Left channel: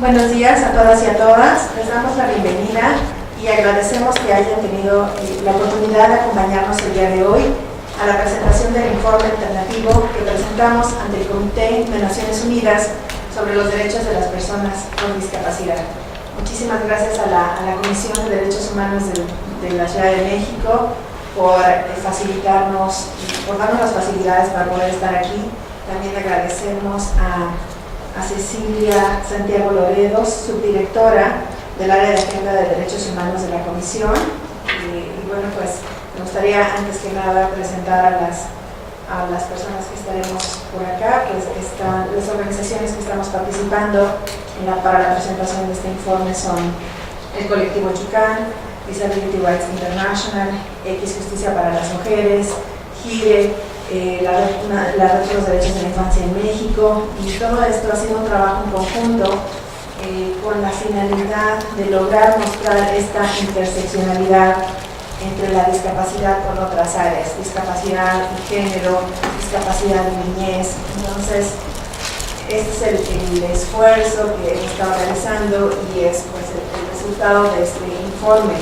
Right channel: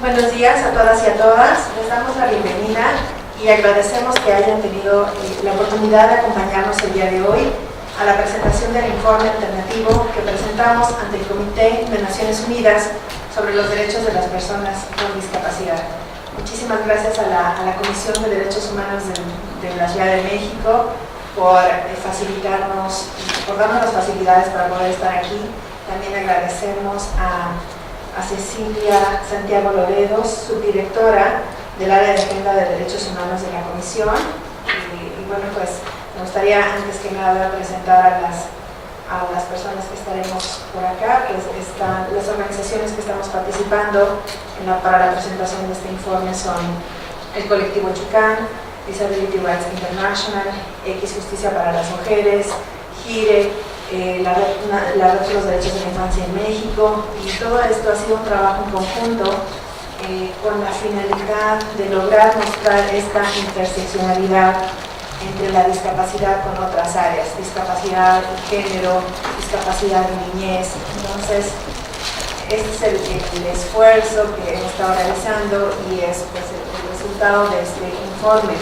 Buenos días a todas y a todas. Les damos la bienvenida y agradecemos que hayan tenido la oportunidad de acompañarnos el día de hoy a la presentación del informe alternativo que presentamos ante el Comité de Naciones Unidas sobre los derechos de las personas con discapacidad. Muchísimas gracias a la Comisión de Derechos Humanos de la Ciudad de México por facilitarnos, por darnos las facilidades para poder estar aquí. También agradecemos a Cecilia Santiago Loredo, subdirectora del área de Agenda de Derechos Humanos de la Comisión. Y bueno, pues me gustaría antes que nada presentar a las personas que estaremos por acá, pues están las organizaciones que estamos participando para la presentación de este informe son el Colectivo Chucán, Disability Rights International, X Justicia para las Mujeres, GIRE, la red de los derechos de la infancia en México, y todo esto ha sido un trabajo en conjunto con la finalidad de lograr mostrar esta interseccionalidad entre la discapacidad con otras áreas, discapacidad y género, discapacidad y niñez. Entonces, este es el esfuerzo que hemos estado realizando y es pues, el resultado de este informe.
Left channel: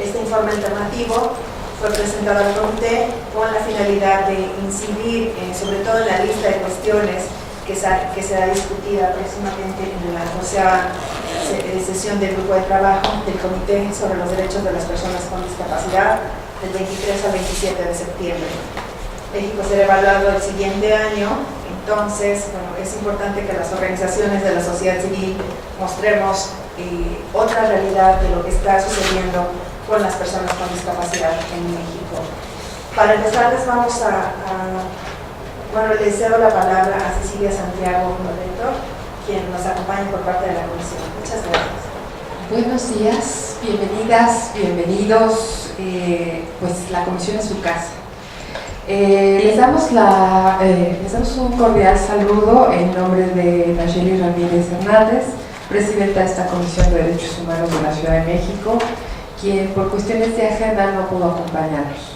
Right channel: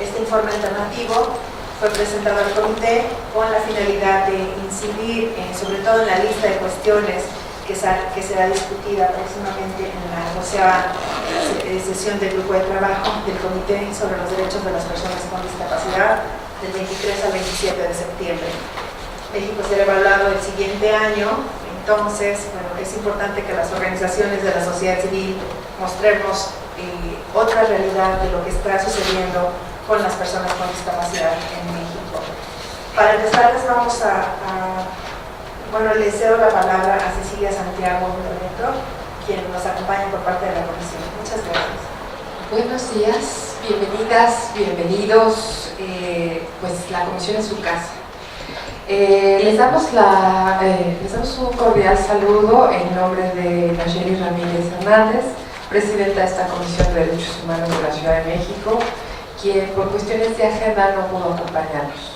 Este informe alternativo fue presentado al comité con la finalidad de incidir sobre todo en la lista de cuestiones que será discutida próximamente en la 12ª sesión del grupo de trabajo del Comité sobre los Derechos de las Personas con Discapacidad del 23 al 27 de septiembre. México será evaluado el siguiente año, entonces bueno, es importante que las organizaciones de la sociedad civil mostremos otra realidad de lo que está sucediendo con las personas con discapacidad en México. Para empezar, les cedo la palabra a Cecilia Santiago Loredo, quien nos acompaña por parte de la Comisión. Muchas gracias. Buenos días, bienvenidas, bienvenidos. Pues la Comisión es su casa. Les damos un cordial saludo en nombre de Nayeli Ramírez Hernández, presidenta de esta Comisión de Derechos Humanos de la Ciudad de México, quien por cuestiones de agenda no pudo acompañarnos.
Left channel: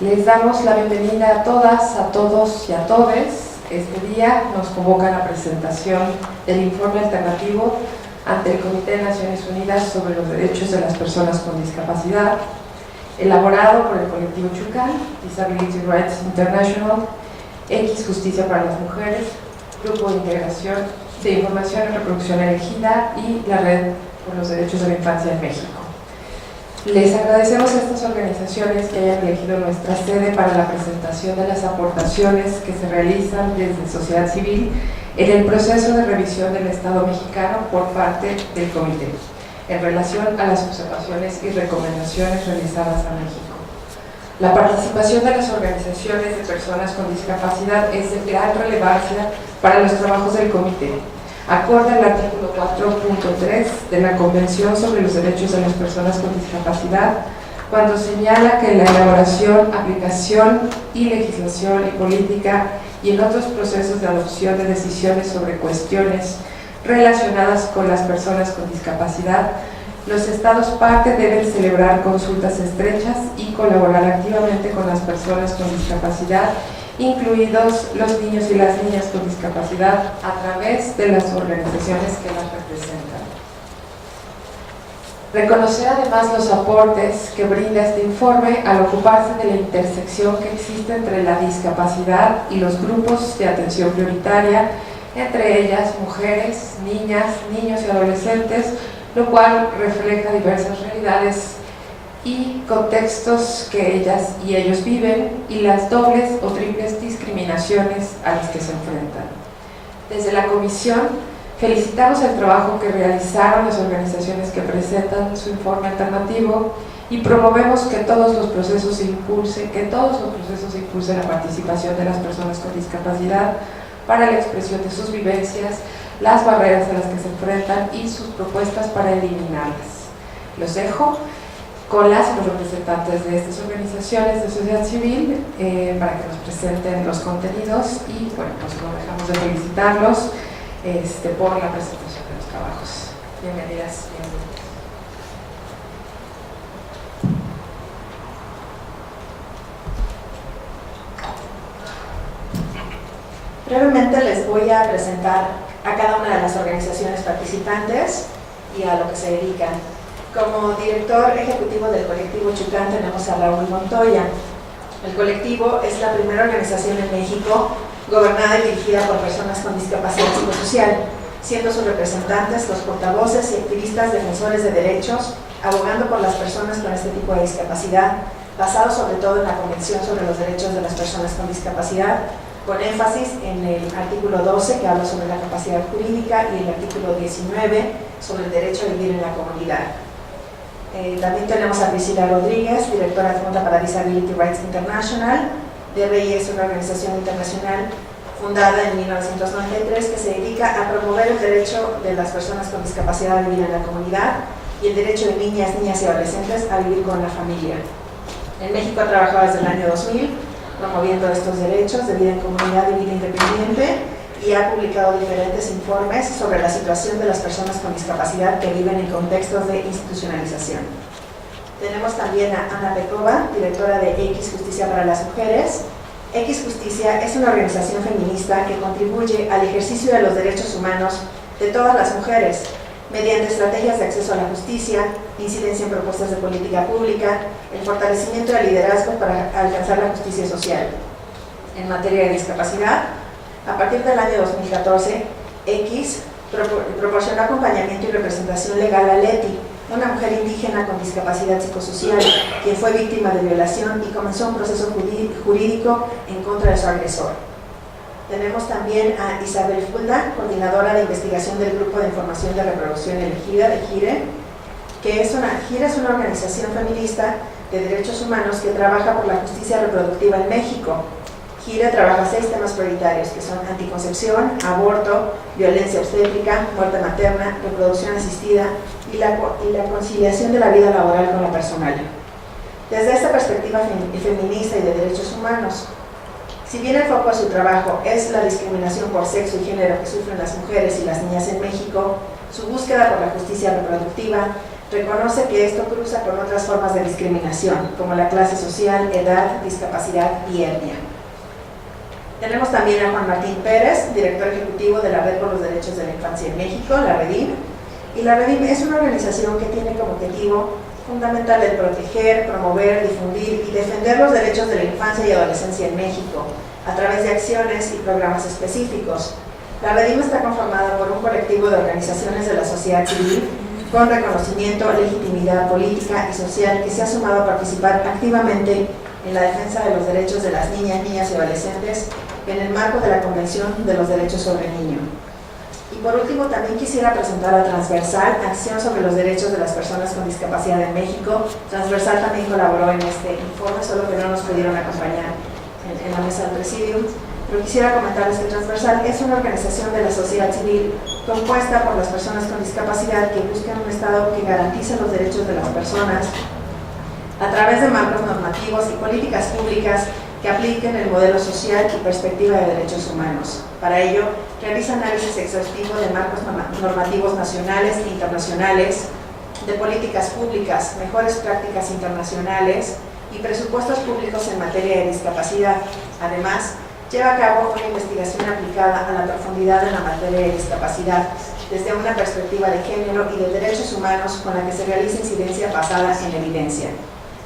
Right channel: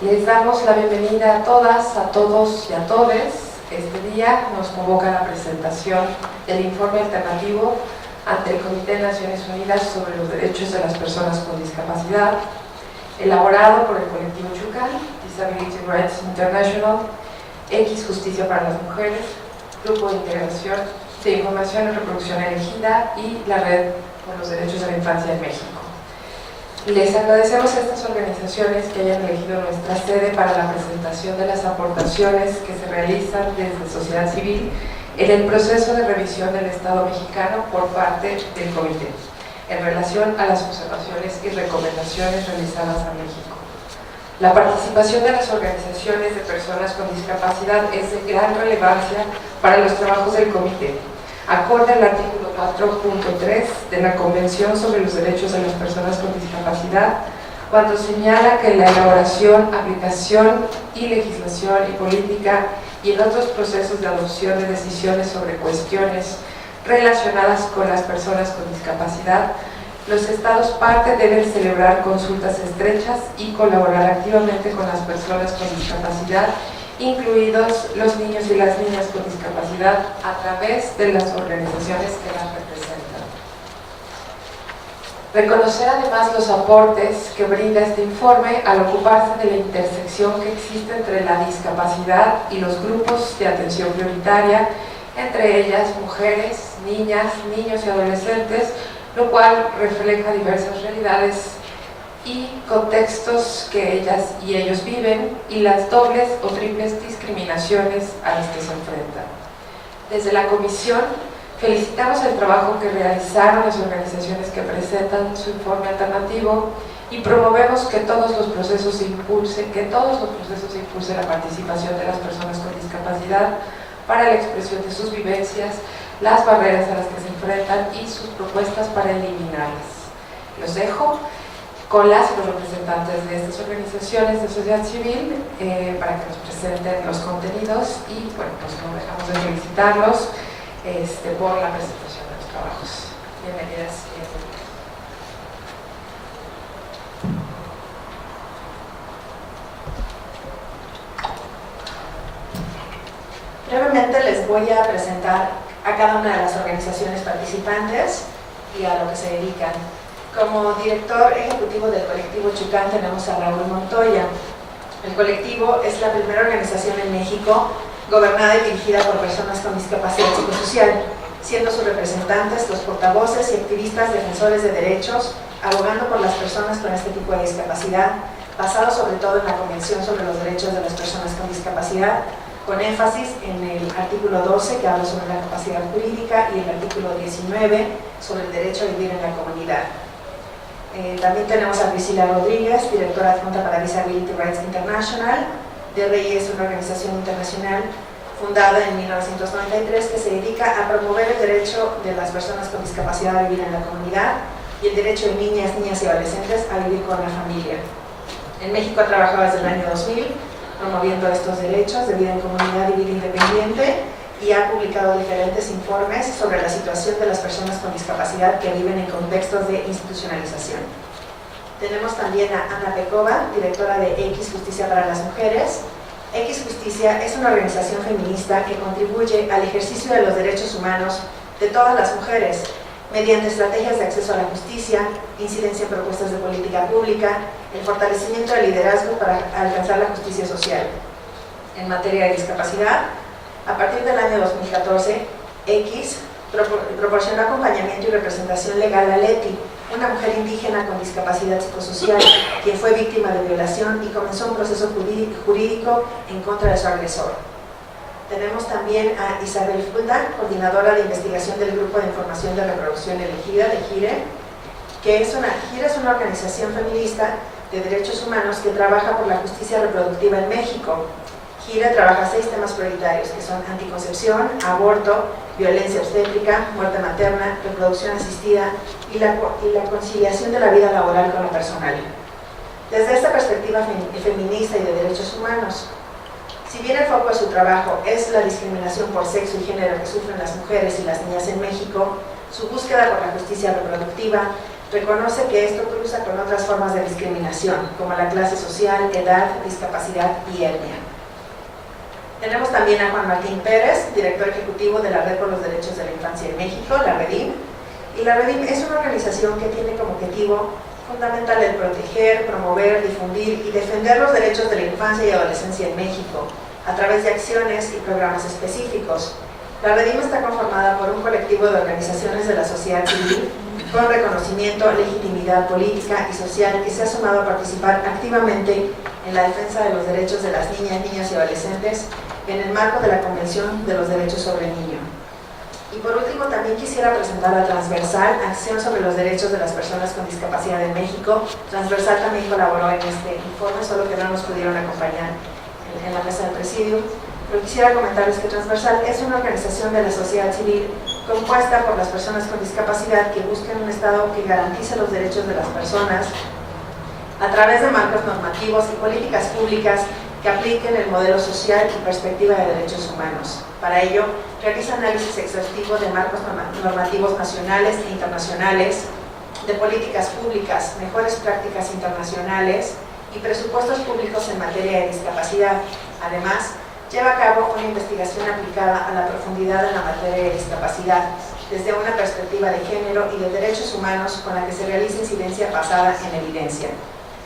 Les damos la bienvenida a todas, a todos y a todes. Este día nos convoca a la presentación del informe alternativo ante el Comité de Naciones Unidas sobre los Derechos de las Personas con Discapacidad, elaborado por el Colectivo Chucán, Disability Rights International, X Justicia para las Mujeres, Grupo de Integración de Información y Reproducción Elegida y la Red por los Derechos de la Infancia en México. Les agradecemos a estas organizaciones que hayan elegido nuestra sede para la presentación de las aportaciones que se realizan desde sociedad civil en el proceso de revisión del Estado mexicano por parte del Comité, en relación a las observaciones y recomendaciones realizadas a México. La participación de las organizaciones de personas con discapacidad es de gran relevancia para los trabajos del Comité, acorde al artículo 4.3 de la Convención sobre los Derechos de las Personas con Discapacidad, cuando señala que la elaboración, aplicación y legislación y política y en otros procesos de adopción de decisiones sobre cuestiones relacionadas con las personas con discapacidad, los Estados parte deben celebrar consultas estrechas y colaborar activamente con las personas con discapacidad, incluidos los niños y las niñas con discapacidad, a través de las organizaciones que las representan. Reconocer además los aportes que brinda este informe al ocuparse de la intersección que existe entre la discapacidad y los grupos de atención prioritaria, entre ellas mujeres, niñas, niños y adolescentes, lo cual refleja diversas realidades y contextos que ellas y ellos viven y las dobles o triples discriminaciones a las que se enfrentan. Desde la Comisión felicitamos el trabajo que realizaron las organizaciones que presentan su informe alternativo y promovemos que todos los procesos impulsen la participación de las personas con discapacidad para la expresión de sus vivencias, las barreras a las que se enfrentan y sus propuestas para eliminarlas. Los dejo con los representantes de estas organizaciones de sociedad civil para que nos presenten los contenidos y bueno, pues no dejamos de felicitarlos por la presentación de los trabajos. Bienvenidas y bienvenidos. Brevemente les voy a presentar a cada una de las organizaciones participantes y a lo que se dedican. Como director ejecutivo del colectivo Chucán tenemos a Raúl Montoya. El colectivo es la primera organización en México gobernada y dirigida por personas con discapacidad psicosocial, siendo sus representantes los portavoces y activistas defensores de derechos, abogando por las personas con este tipo de discapacidad, basado sobre todo en la Convención sobre los Derechos de las Personas con Discapacidad, con énfasis en el artículo 12 que habla sobre la capacidad jurídica y el artículo 19 sobre el derecho a vivir en la comunidad. También tenemos a Priscila Rodríguez, directora adjunta para Disability Rights International. DRI es una organización internacional fundada en 1993 que se dedica a promover el derecho de las personas con discapacidad a vivir en la comunidad y el derecho de niñas y adolescentes a vivir con la familia. En México ha trabajado desde el año 2000 promoviendo estos derechos de vida en comunidad y vida independiente y ha publicado diferentes informes sobre la situación de las personas con discapacidad que viven en contextos de institucionalización. Tenemos también a Ana Pekova, directora de X Justicia para las Mujeres. X Justicia es una organización feminista que contribuye al ejercicio de los derechos humanos de todas las mujeres mediante estrategias de acceso a la justicia, incidencia en propuestas de política pública, el fortalecimiento del liderazgo para alcanzar la justicia social. En materia de discapacidad, a partir del año 2014, X proporcionó acompañamiento y representación legal a Leti, una mujer indígena con discapacidad psicosocial, quien fue víctima de violación y comenzó un proceso jurídico en contra de su agresor. Tenemos también a Isabel Fulda, coordinadora de investigación del Grupo de Información de Reproducción Elegida de GIRE, GIRE es una organización feminista de derechos humanos que trabaja por la justicia reproductiva en México. GIRE trabaja 6 temas prioritarios que son anticoncepción, aborto, violencia obstétrica, muerte materna, reproducción asistida y la conciliación de la vida laboral con la personal. Desde esta perspectiva feminista y de derechos humanos, si bien el foco de su trabajo es la discriminación por sexo y género que sufren las mujeres y las niñas en México, su búsqueda por la justicia reproductiva reconoce que esto cruza con otras formas de discriminación, como la clase social, edad, discapacidad y etnia. Tenemos también a Juan Martín Pérez, director ejecutivo de la Red por los Derechos de la Infancia en México, la REDIM. Y la REDIM es una organización que tiene como objetivo fundamental el proteger, promover, difundir y defender los derechos de la infancia y adolescencia en México, a través de acciones y programas específicos. La REDIM está conformada por un colectivo de organizaciones de la sociedad civil con reconocimiento, legitimidad política y social que se ha sumado a participar activamente en la defensa de los derechos de las niñas y adolescentes en el marco de la Convención de los Derechos sobre el Niño. Y por último, también quisiera presentar a Transversal, Acción sobre los Derechos de las Personas con Discapacidad en México. Transversal también colaboró en este informe, solo que no nos pudieron acompañar en la mesa del presidium. Pero quisiera comentarles que Transversal es una organización de la sociedad civil compuesta por las personas con discapacidad que buscan un Estado que garantice los derechos de las personas a través de marcos normativos y políticas públicas que apliquen el modelo social y perspectiva de derechos humanos. Para ello, realiza análisis exhaustivo de marcos normativos nacionales e internacionales, de políticas públicas, mejores prácticas internacionales y presupuestos públicos en materia de discapacidad. Además, lleva a cabo una investigación aplicada a la profundidad en la materia de discapacidad, desde una perspectiva de género y de derechos humanos con la que se realiza incidencia basada en evidencia.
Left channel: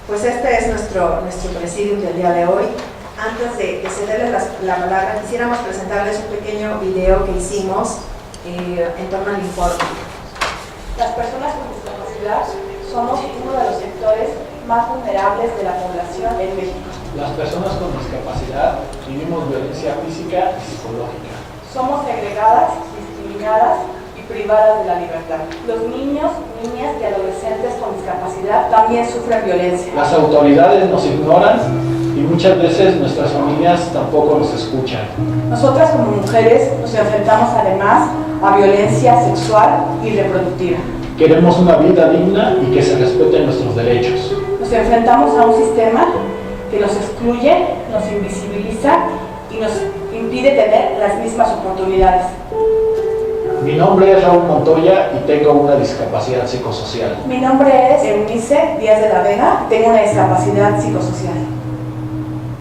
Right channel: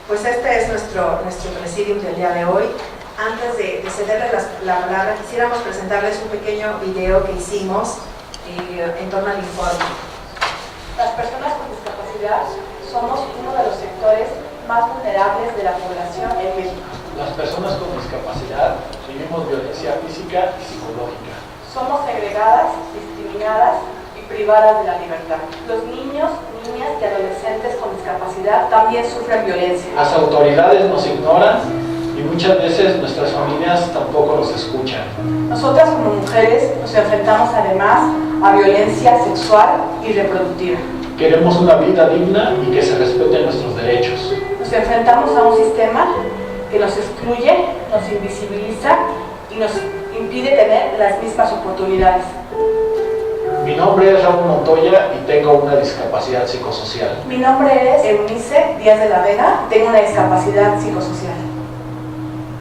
Pues este es nuestro presidium del día de hoy. Antes de cederles la palabra, quisiéramos presentarles un pequeño video que hicimos en torno al informe. Las personas con discapacidad somos uno de los sectores más vulnerables de la población en México. Las personas con discapacidad vivimos violencia física y psicológica. Somos segregadas, discriminadas y privadas de la libertad. Los niños, niñas y adolescentes con discapacidad también sufren violencia. Las autoridades nos ignoran y muchas veces nuestras familias tampoco nos escuchan. Nosotras como mujeres nos enfrentamos además a violencia sexual y reproductiva. Queremos una vida digna y que se respeten nuestros derechos. Nos enfrentamos a un sistema que nos excluye, nos invisibiliza y nos impide tener las mismas oportunidades. Mi nombre es Raúl Montoya y tengo una discapacidad psicosocial. Mi nombre es Eunice Díaz de la Vega, tengo una discapacidad psicosocial.